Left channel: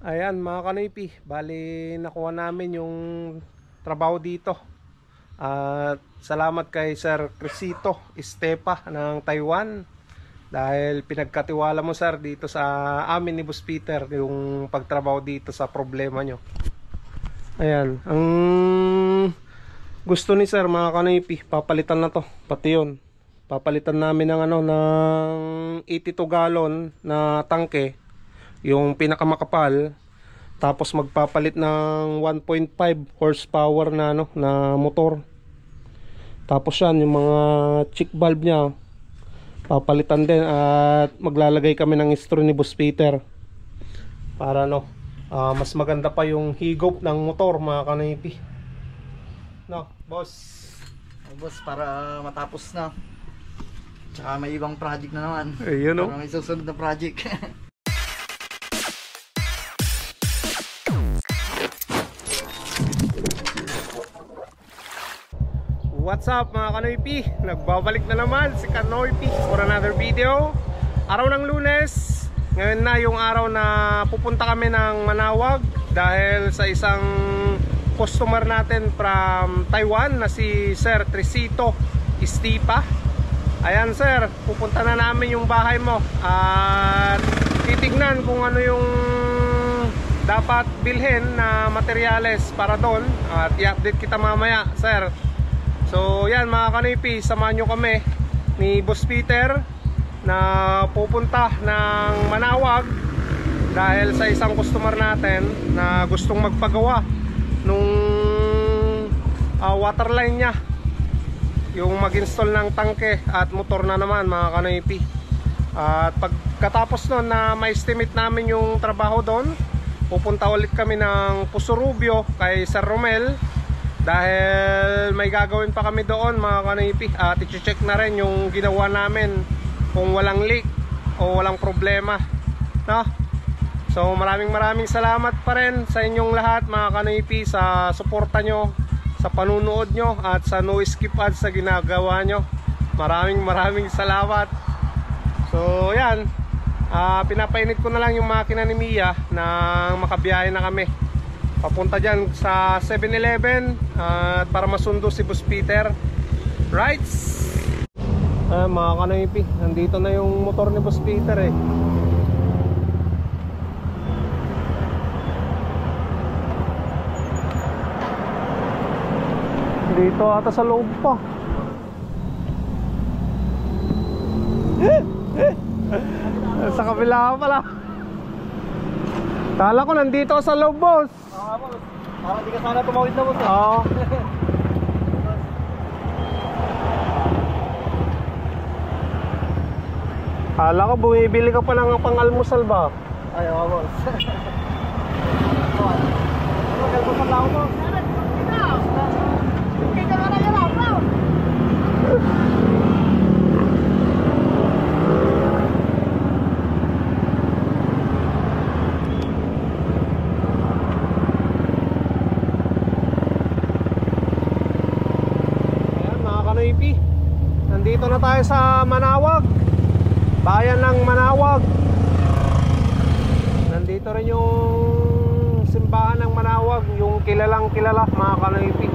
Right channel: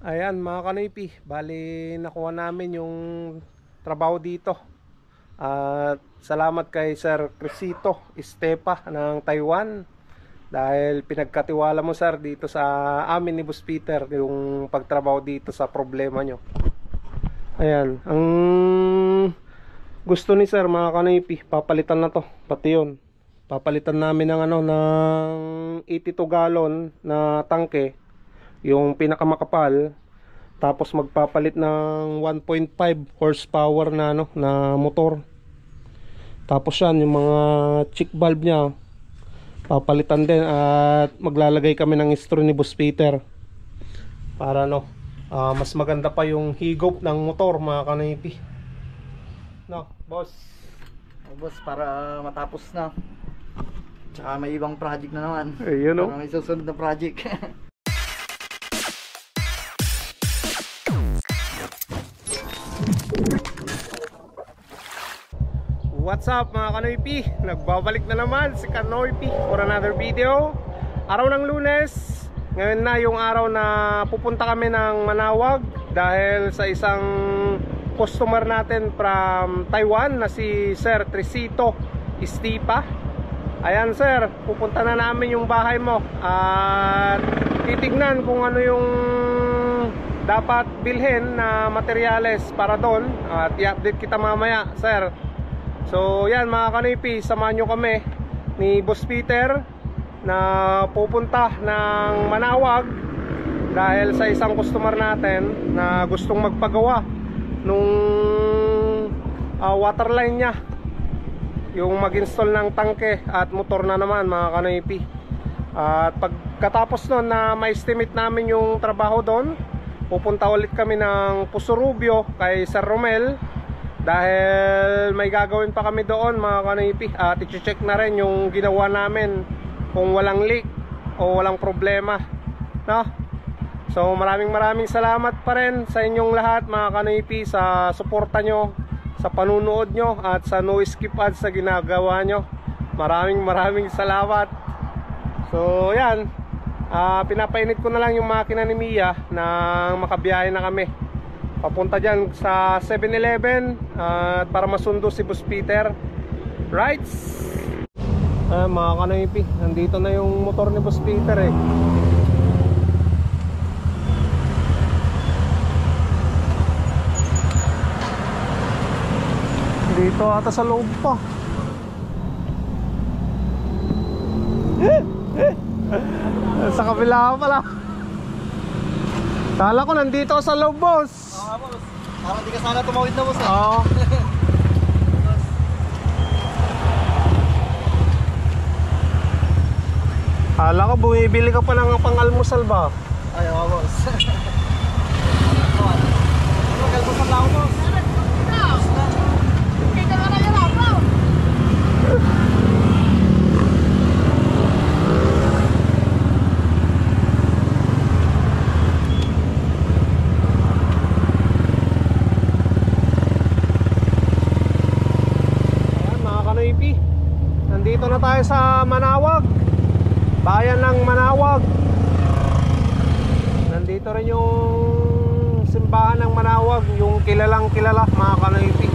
Ayan mga kanipi, bali nakuha namin yung trabaho dito. At salamat kay Sir Crisito Estepa ng Taiwan dahil pinagkatiwala mo sir dito sa amin ni Boss Peter yung pagtrabaho dito sa problema nyo. Ayan, ang gusto ni sir mga kanipi, papalitan na to, pati yun. Papalitan namin ng ng 82 gallon na tangke, yung pinakamakapal, tapos magpapalit ng 1.5 horsepower na na motor. Tapos yan, yung mga check valve nya papalitan din, at maglalagay kami ng istro ni Boss Peter para mas maganda pa yung higop ng motor mga kanipi. Boss? Boss, para matapos na. Tsaka may ibang project na naman. Ayun Para may susunod na project. What's up mga Kanoypi? Nagbabalik na naman si Kanoypi for another video. Araw ng Lunes. Ngayon na yung araw na pupunta kami ng Manawag dahil sa isang customer natin from Taiwan na si Sir Crisito Estepa. Ayan sir, pupunta na namin yung bahay mo at titignan kung ano yung dapat bilhin na materyales para doon, at i-update kita mamaya sir. So yan mga kanipi, samahan nyo kami ni Boss Peter na pupunta ng Manawag dahil sa isang customer natin na gustong magpagawa nung waterline nya, yung mag-install ng tangke at motor na naman mga kanipi. At pagkatapos nun na ma-estimate namin yung trabaho doon, pupunta ulit kami ng Pusurubio kay Sir Romel dahil may gagawin pa kami doon mga kanipi, at i-check na rin yung ginawa namin kung walang leak o walang problema, no? So maraming salamat pa rin sa inyong lahat mga kanipi sa suporta nyo, sa panunood nyo at sa no skip ads sa ginagawa nyo. Maraming salamat. So yan, pinapainit ko na lang yung makina ni Mia na makabiyahe na kami papunta dyan sa 7-Eleven para masundo si Boss Peter. Right? Mga kanipi, nandito na yung motor ni Boss Peter eh. Dito ata sa loob pa. Sa kabila pala. Kala ko nandito sa loob boss. Boss, parang di ka sana tumawid na boss eh. Oo. Kala ko bumibili ka pa ng pang-almusal ba? Ay, boss. Mag-almusal na ako boss. Nandito na tayo sa Manawag, bayan ng Manawag. Nandito rin yung simbahan ng Manawag, yung kilalang kilala mga kanipi.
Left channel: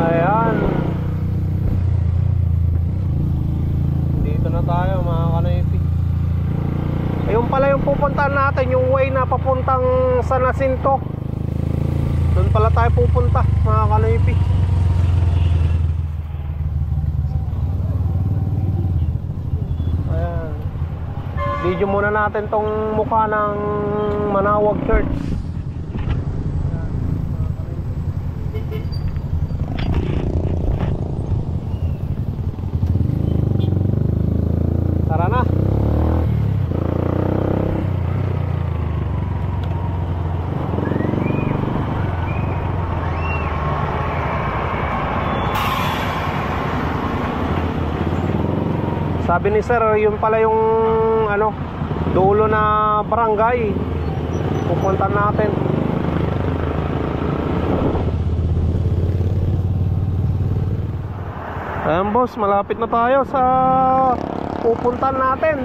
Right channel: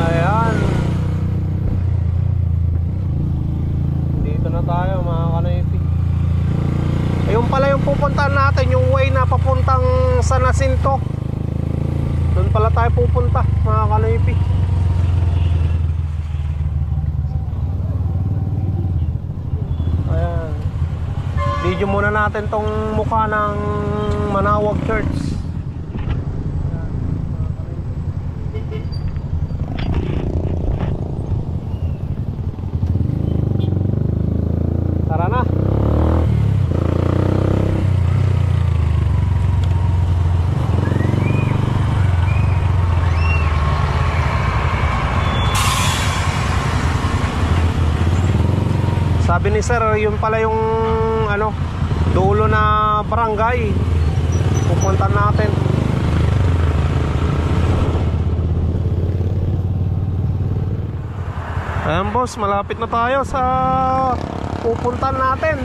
Ayan, dito na tayo mga kanipi. Ayun pala yung pupuntahan natin, yung way na papuntang San Jacinto. Doon pala tayo pupunta mga kanipi. Ayan, video muna natin tong mukha ng Manawag Church. Tara na. Sabi ni sir, yun pala yung dulo na barangay pupunta natin. Ayan boss, malapit na tayo sa pupuntan natin.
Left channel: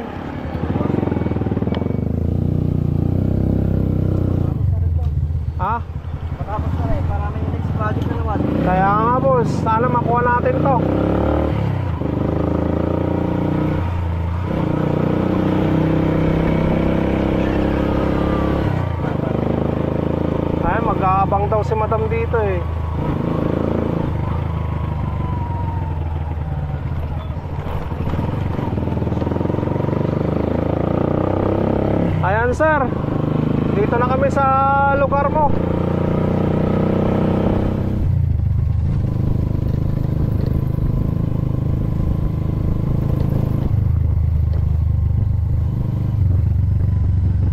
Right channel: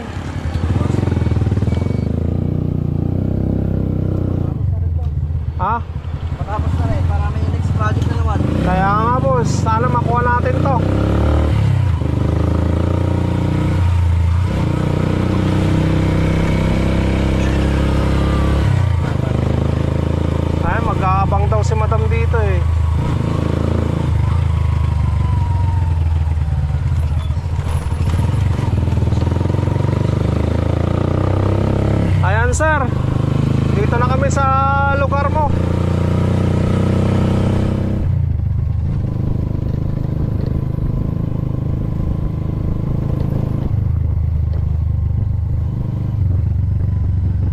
sir, dito na kami sa lugar mo.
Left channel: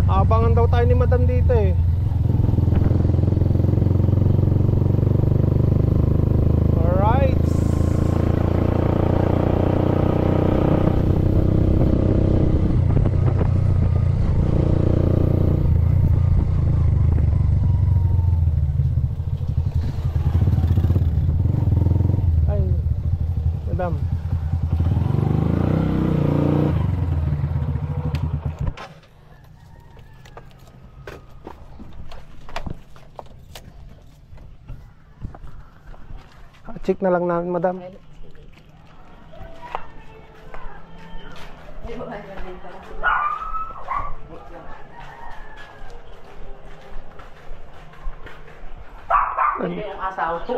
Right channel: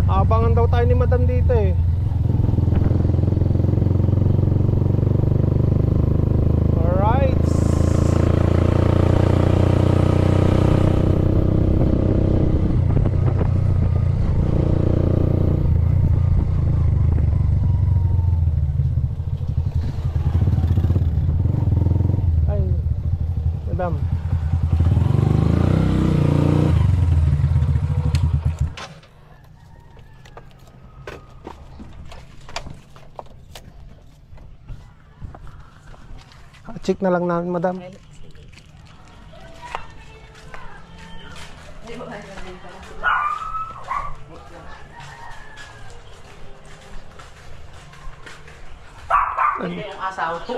Abangan daw tayo ni madam dito eh. Alright. Ay, madam. Check na lang namin, madam.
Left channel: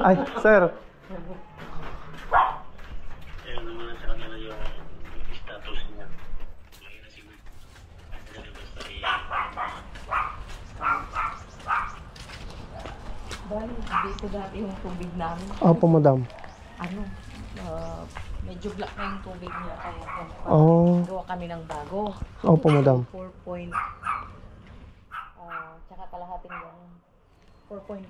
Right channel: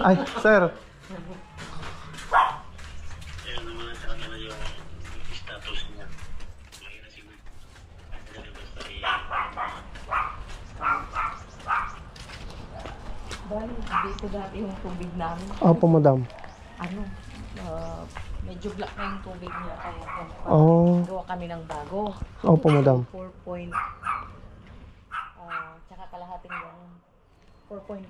Ay, sir. Ayun naman sa kanila yung status niya. Mahina siguro. Bali, dito dati yung tubig namin. Opo, madam. Ano, medyo black na yung tubig niya. Kaya Oh. gawa kami ng bago. Opo, madam. 4 point, tsaka kalahating ganun. 4 point,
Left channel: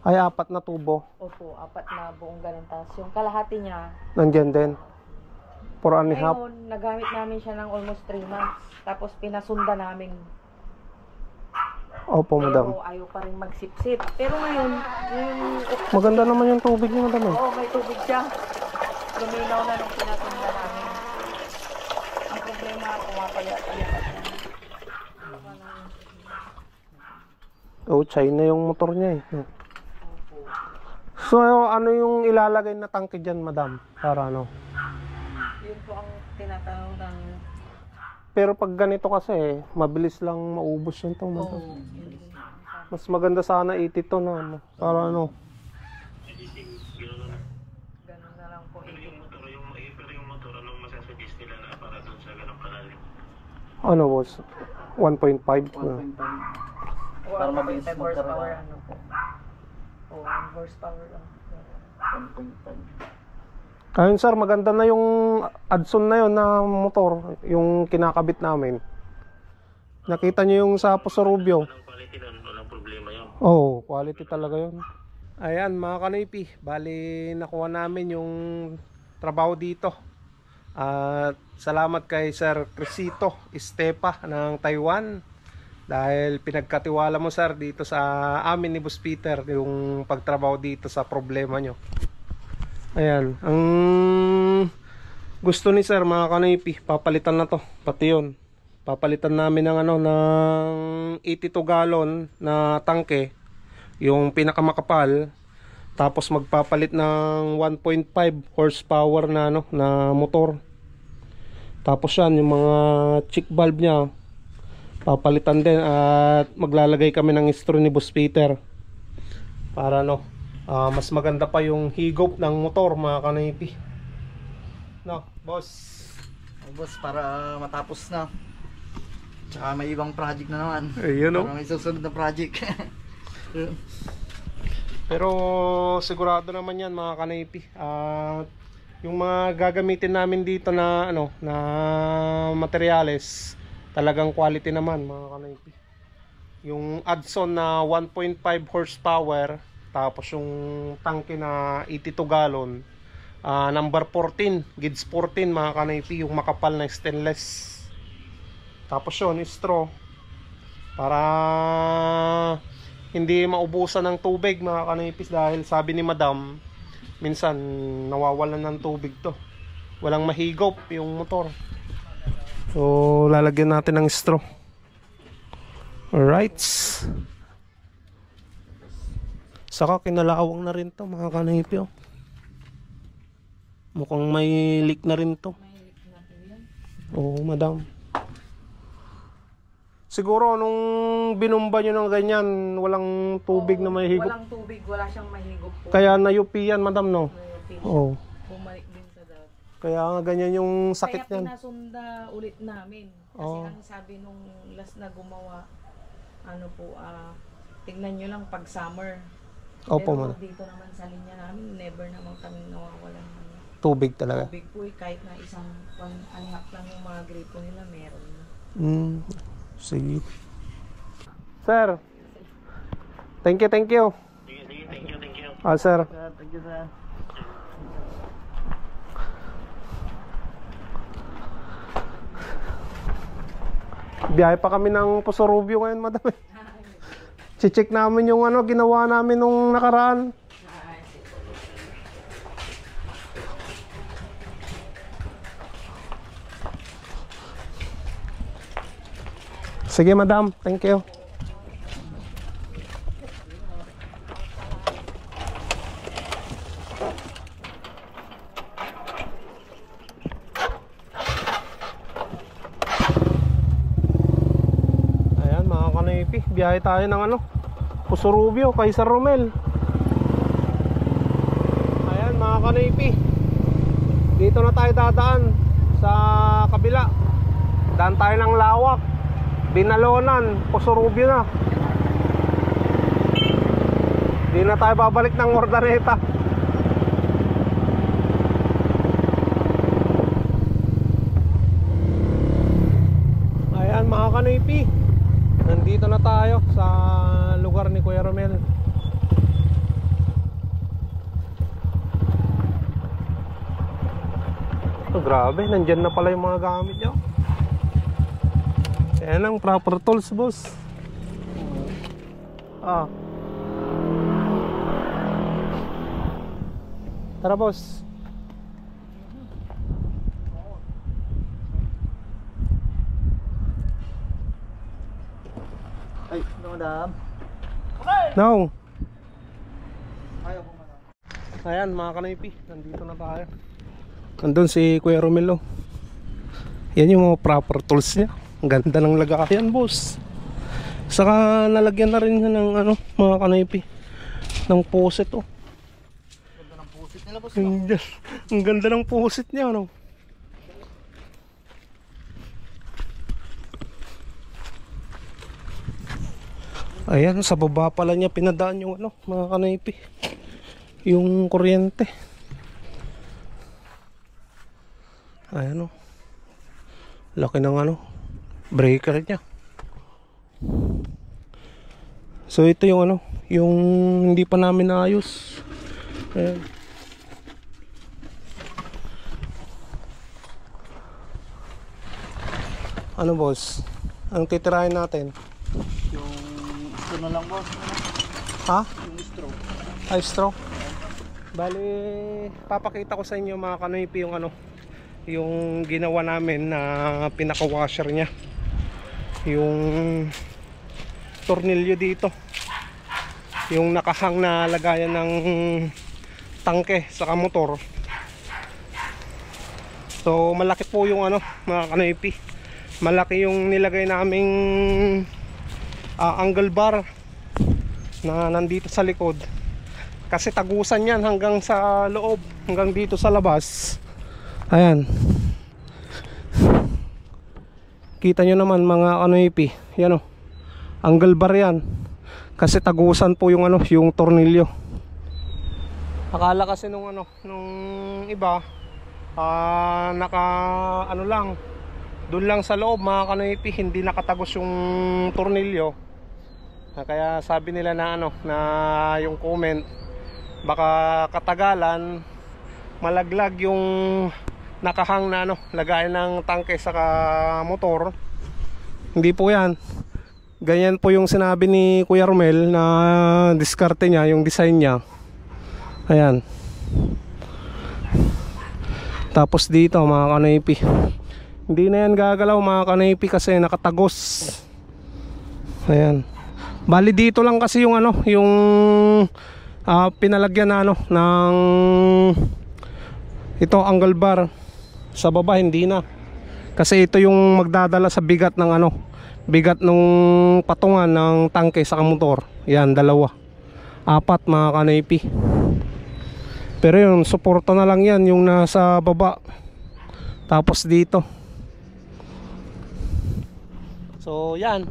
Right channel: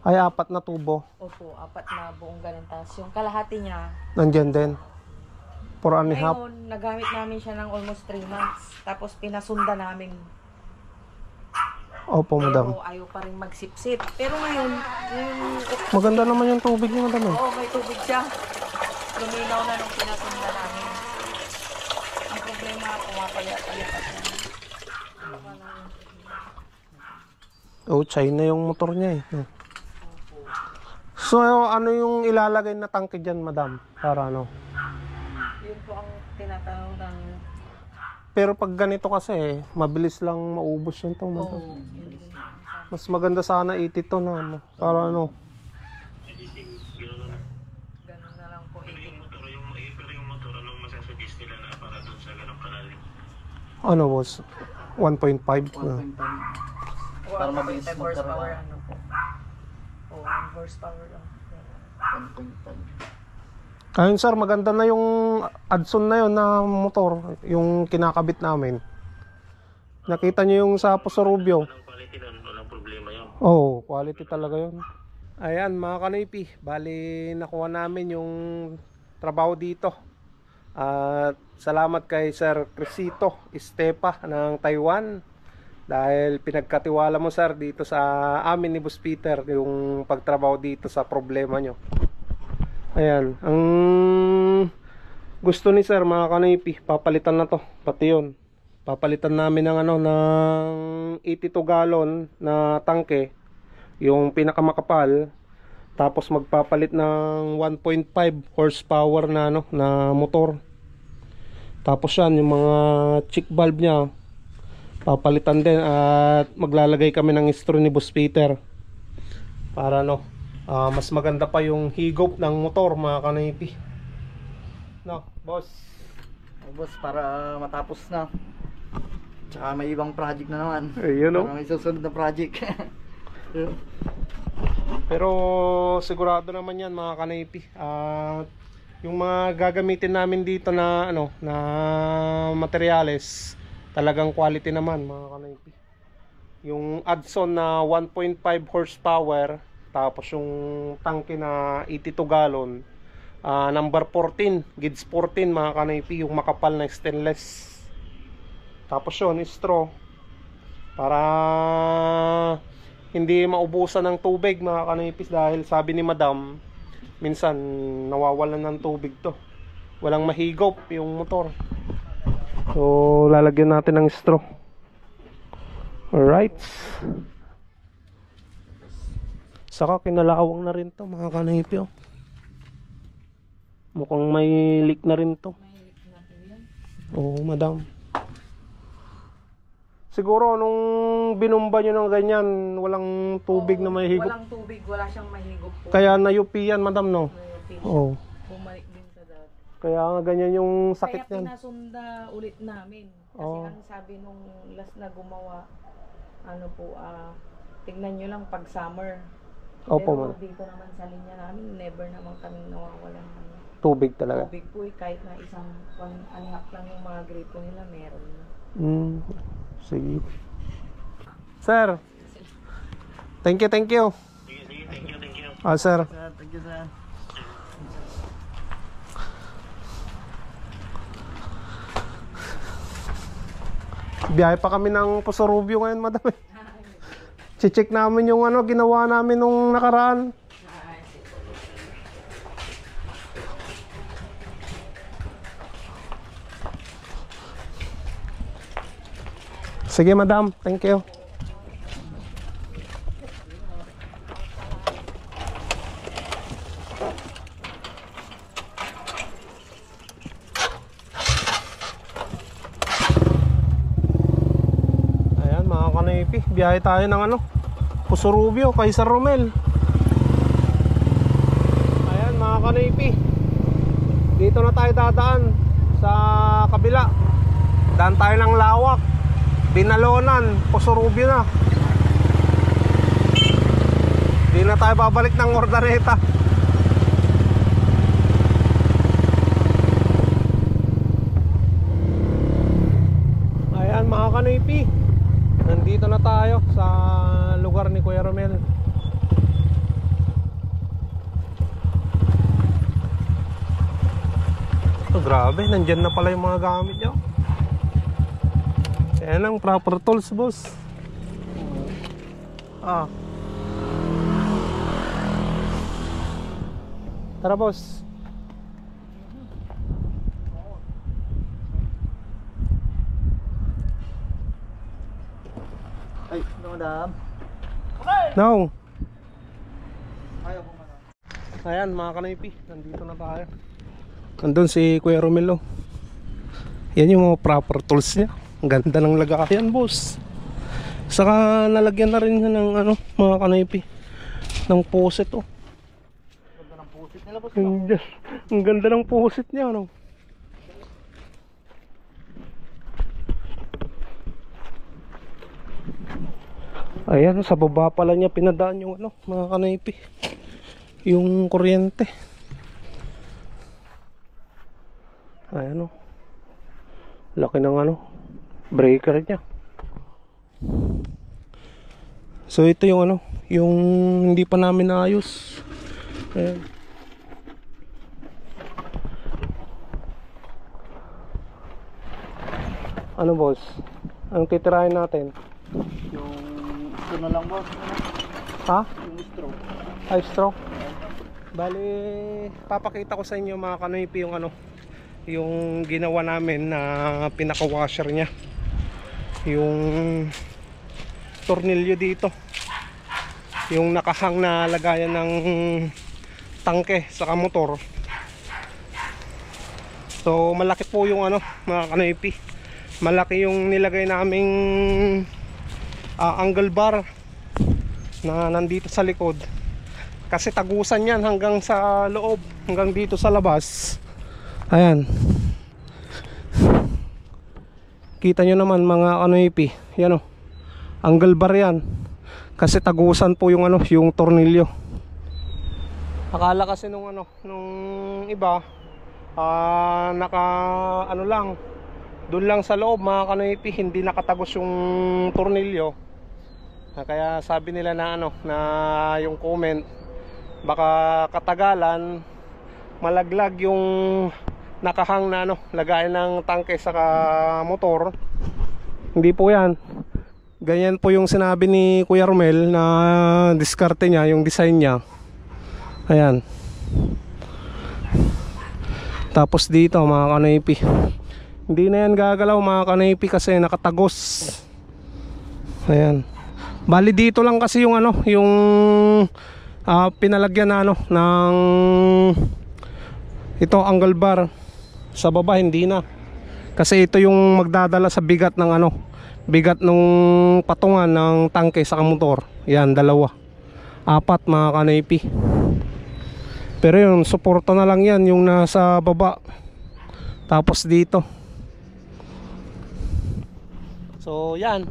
Ay, 4 na tubo. opo, 4 na buong ganun. Tapos yung kalahati niya, Nandyan din. 4 and a half. ngayon, nagamit namin siya ng almost 3 months. Tapos pinasunda namin. Opo, madam. Pero ayaw pa rin magsipsip. Pero ngayon, Maganda naman yung tubig niyo, madam. oo, may tubig siya. Luminaw na nung pinasunda namin. Ang problema, pumapayat-ayat. Oh, China yung motor niya eh. So, ano yung ilalagay na tangke dyan, madam? Para ano? Yun po ang tinatanong ng... Pero pag ganito kasi, mabilis lang maubos yun to, madam. Oo. Mas maganda sana 80 to na ano. Para ano? Ganun na lang po. Pero yung motor, anong masasuggest nila na para doon sa ganong kalalim? Ano boss? 1.5? 1.5. Para mabilis horsepower, magkarga. ano po. Oo, 1 horsepower lang. 1.5. Ayun sir, maganda na yung Adson na yun na motor. Yung kinakabit namin. Nakita nyo yung sa Puso Rubio. Anong quality nun? Walang problema yun. Oh, quality talaga yun. Ayan mga kanipi, bali nakuha namin yung trabaho dito. At salamat kay Sir Crisito Estepa ng Taiwan. Dahil pinagkatiwala mo sir dito sa amin ni Boss Peter yung pagtrabaho dito sa problema nyo. Ayan, ang gusto ni sir mga kanipi, papalitan na to, pati yun. Papalitan namin ng ano ng 82 gallon na tangke, yung pinakamakapal. Tapos magpapalit ng 1.5 horsepower na ano na motor. Tapos yan yung mga check valve niya papalitan din at maglalagay kami ng straw ni Boss Peter para no mas maganda pa yung higop ng motor mga kanipi. No, boss. Boss, para matapos na. Tsaka may ibang project na naman. Ayun no. Para may susunod na project. Pero sigurado naman yan mga kanipi. Yung mga gagamitin namin dito na ano na materyales talagang quality naman mga kanipi. Yung Adson na 1.5 horsepower, tapos yung tangke na 82 gallon, number 14, gauge 14 mga kanipi, yung makapal na stainless. Tapos yun, straw para hindi maubusan ng tubig mga kanipis, dahil sabi ni madam minsan nawawalan ng tubig to, walang mahigop yung motor. So lalagyan natin ng straw. Alright, saka kinalawang na rin to mga kanipi. Mukhang may leak na rin to. Oo madam. Siguro nung binumba nyo ng ganyan, walang tubig na may higop. Walang tubig, wala siyang mahigop po. Kaya nayupi yan, madam, no? Mayroon. Oo. Bumalik din sa dati. Kaya nga ganyan yung sakit Kaya niyan. pinasunda ulit namin. Kasi Oo. ang sabi nung last na gumawa, ano po, tignan nyo lang pag summer. Opo, Pero man. dito naman sa linya namin, never naman kaming nawawalan ng Tubig talaga. tubig po. Kahit na isang anyak lang yung mga gripo nila, meron na. Sige. Sir. Thank you. Sige, sige, thank you. Sir. Sir, thank you, sir. Biyahe pa kami ng Puso-Rubio ngayon, madam. Check namin yung ano ginawa namin nung nakaraan. Sige, madam. Thank you. Ayan, mga kanipi. Biyahe tayo ng ano, Puso-Rubio kay Sir Romel. Ayan, mga kanipi. Dito na tayo dadaan sa kabila. Daan tayo ng Lawak, Binalonan, Puso-Rubio na. Di na tayo babalik ng Ordaneta. Ayan, mga kanipi. Nandito na tayo sa lugar ni Kuya Romel. Oh, grabe, nandyan na pala yung mga gamit nyo. Yan ang proper tools, boss. Tara, boss. Ay, ano, madam? No. Ayaw po, madam. Ayan, mga kanipi, nandito na tayo. Nandun si Kuya Romel. Yan yung mga proper tools niya. Ang ganda ng lagayan, boss. Saka nalagyan na rin niya ng ano, mga kanipi, ng poset, oh. Ganda ng pusit nila, boss. Ang ganda ng poset niya, no? Ayan, sa baba pala niya pinadaan yung ano, mga kanipi, yung kuryente. Ayan, oh. Laki ng ano, breaker niya. So ito yung ano, yung hindi pa namin naayos. Ayan. Ano, boss? Ang titirahin natin? Yung straw na lang, boss. Ha? Yung straw. Ay, straw. Bali, papakita ko sa inyo, mga kanipi, yung ano, yung ginawa namin na pinaka-washer niya. Yung tornilyo dito. Yung nakahang na lagayan ng tangke sa motor. So, malaki po yung ano, mga kanipi. Malaki yung nilagay naming angle bar na nandito sa likod. Kasi tagusan yan hanggang sa loob, hanggang dito sa labas. Ayan. Kita nyo naman, mga kanipi. Yan, oh. Angle bar yan. Kasi tagusan po yung ano, yung tornilyo. Akala kasi nung ano, nung iba, naka ano lang, doon lang sa loob, mga kanipi, hindi nakatagos yung tornilyo. Kaya sabi nila na ano, na yung comment, baka katagalan malaglag yung nakahang na ano, lagayan ng tangke sa motor. Hindi po yan. Ganyan po yung sinabi ni Kuya Romel na diskarte niya, yung design niya. Ayan. Tapos dito, mga kanipi, hindi na yan gagalaw, mga kanipi, kasi nakatagos. Ayan. Bali dito lang kasi yung ano, yung pinalagyan na ano ng ito, angle bar. Sa baba hindi na. Kasi ito yung magdadala sa bigat ng ano, bigat nung patungan ng tangke sa motor. Yan, dalawa. 4, mga kanipi. Pero yung suporta na lang yan, yung nasa baba. Tapos dito. So yan,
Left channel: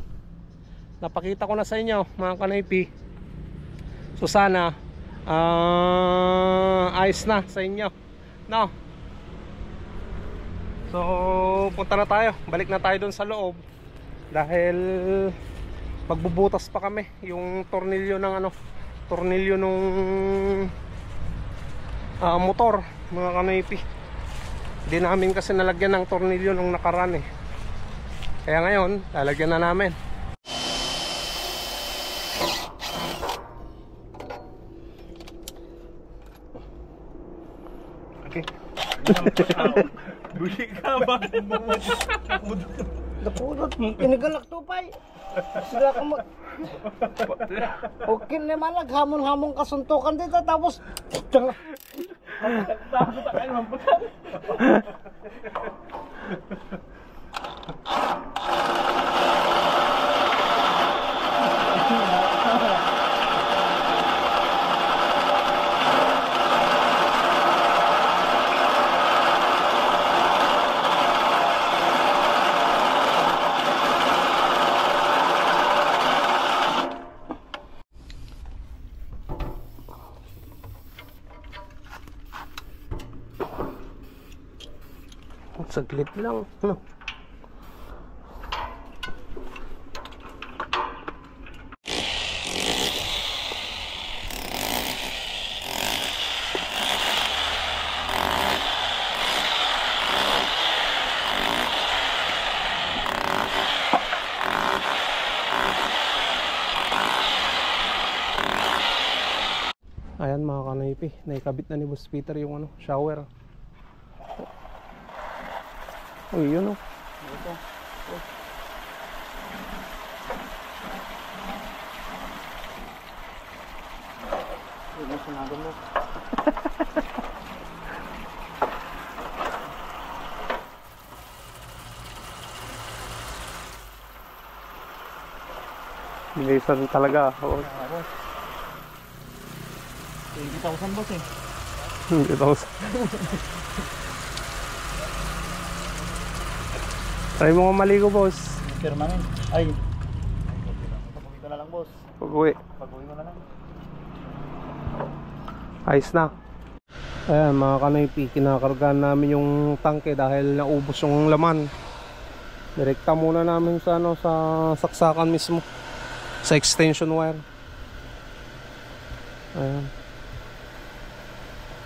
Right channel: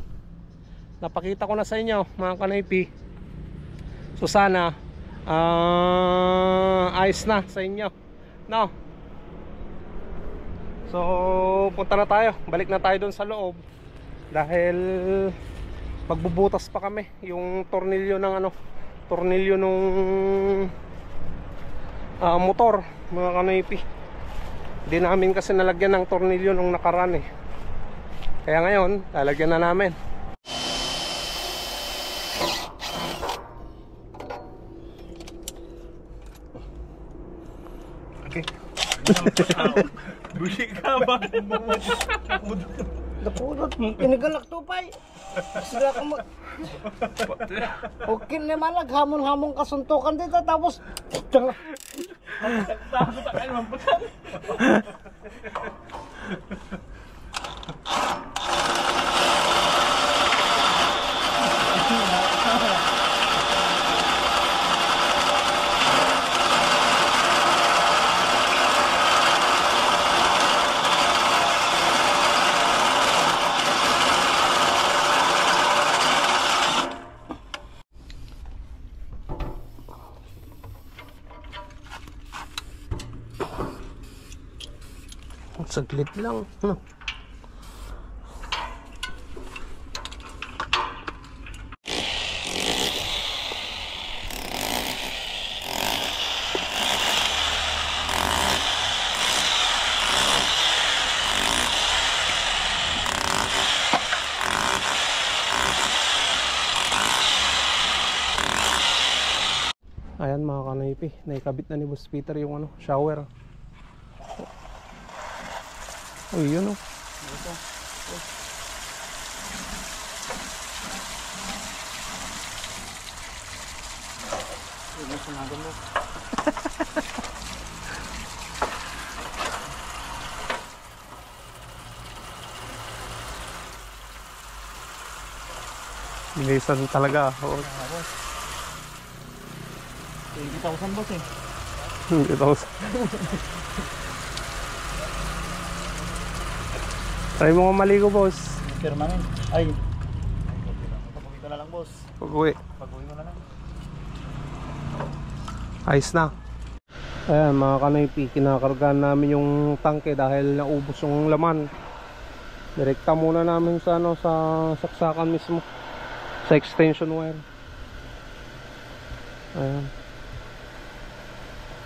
napakita ko na sa inyo mga kanoypi. So sana ayos na sa inyo, no? So punta na tayo, balik na tayo dun sa loob. Dahil magbubutas pa kami yung tornilyo ng tornilyo nung motor mga kanoypi. Hindi namin kasi nalagyan ng tornilyo nung nakaraan kaya ngayon lalagyan na namin. Okay. Buli ka ba? Napulot mo, kinigalak tupay. Sila ka mo. Okay naman, naghamon-hamon kasuntukan dito, tapos Takot ka naman putan. Saglit lang, no? Ayan mga kanoypi, naikabit na ni Boss Peter yung shower. Uy, yun Bilisan talaga. 20,000 boss eh. 20,000. Try mo nga maligo, boss. Permanent. Ay. Pag-uwi ka na lang, boss. Pag-uwi. Pag-uwi mo na lang. Ayos na. Ayan mga kanoypi, kinakargahan namin yung tangke dahil naubos yung laman. Direkta muna namin sa sa saksakan mismo, sa extension wire. Ayan.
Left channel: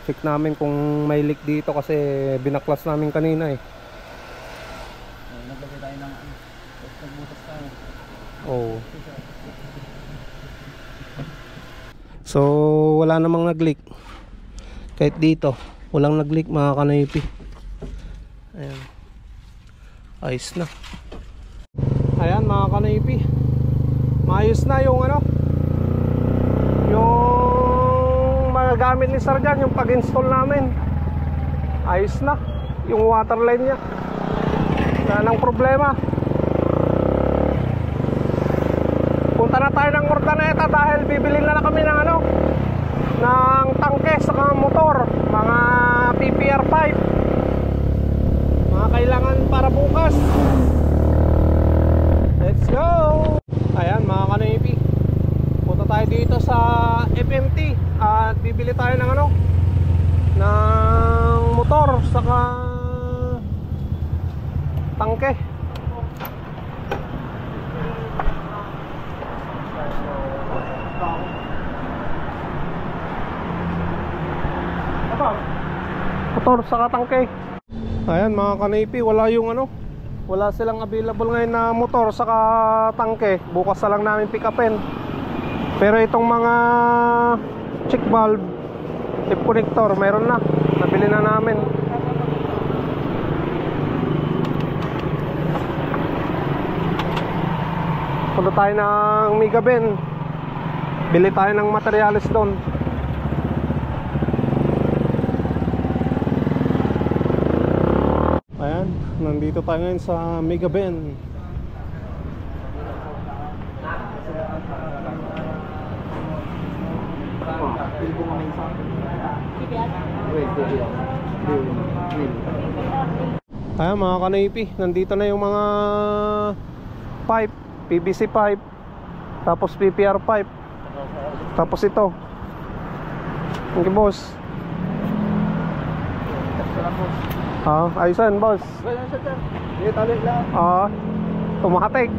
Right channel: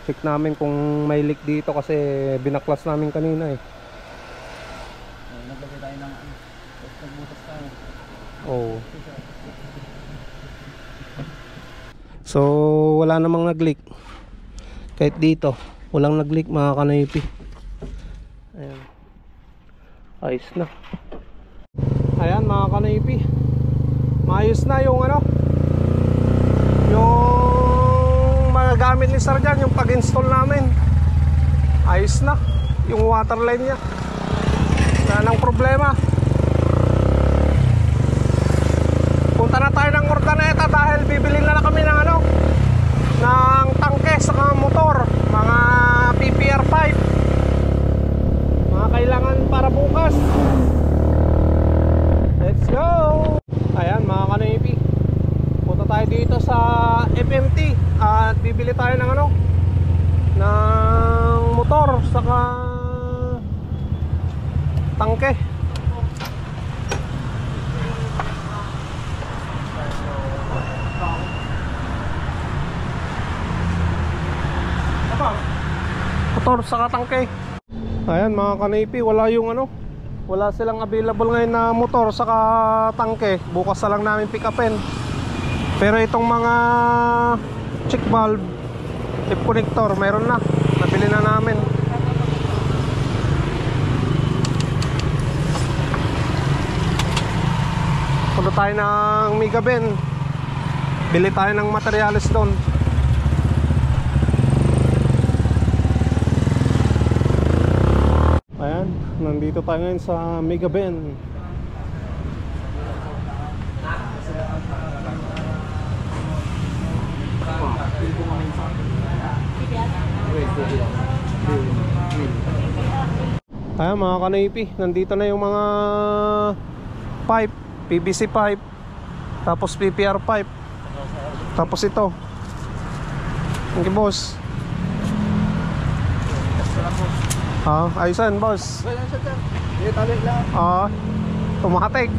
Check namin kung may leak dito kasi binaklas namin kanina Naglagay tayo ng nagbutas tayo. Oh. So wala namang nag-leak. Kahit dito walang nag-leak mga kanoypi. Ayan. Ayos na. Ayan mga kanoypi, maayos na yung yung magagamit ni Sir Jan, yung pag-install namin. Ayos na yung water line nya, wala nang problema. Punta na tayo ng Ordaneta dahil bibili na kami ng ng tangke sa motor, mga PPR pipe, mga kailangan para bukas. Let's go. Ayan mga kanoypi, punta tayo dito sa FMT at bibili tayo ng ng motor saka tangke. Motor saka tangke. Ayan mga kanoypi, wala yung wala silang available ngayon na motor saka tangke. Bukas na lang namin pick upin. Pero itong mga check valve, tip connector, meron na. Nabili na namin. Punta tayo ng Megaben, bili tayo ng materials doon. Ayan, nandito tayo ngayon sa Megaben. Ayan mga kanoypi, nandito na yung mga pipe, PVC pipe, tapos PPR pipe, tapos ito. Thank you boss. Ayusan boss. Well, sir. Dito tali lang. Tumatik.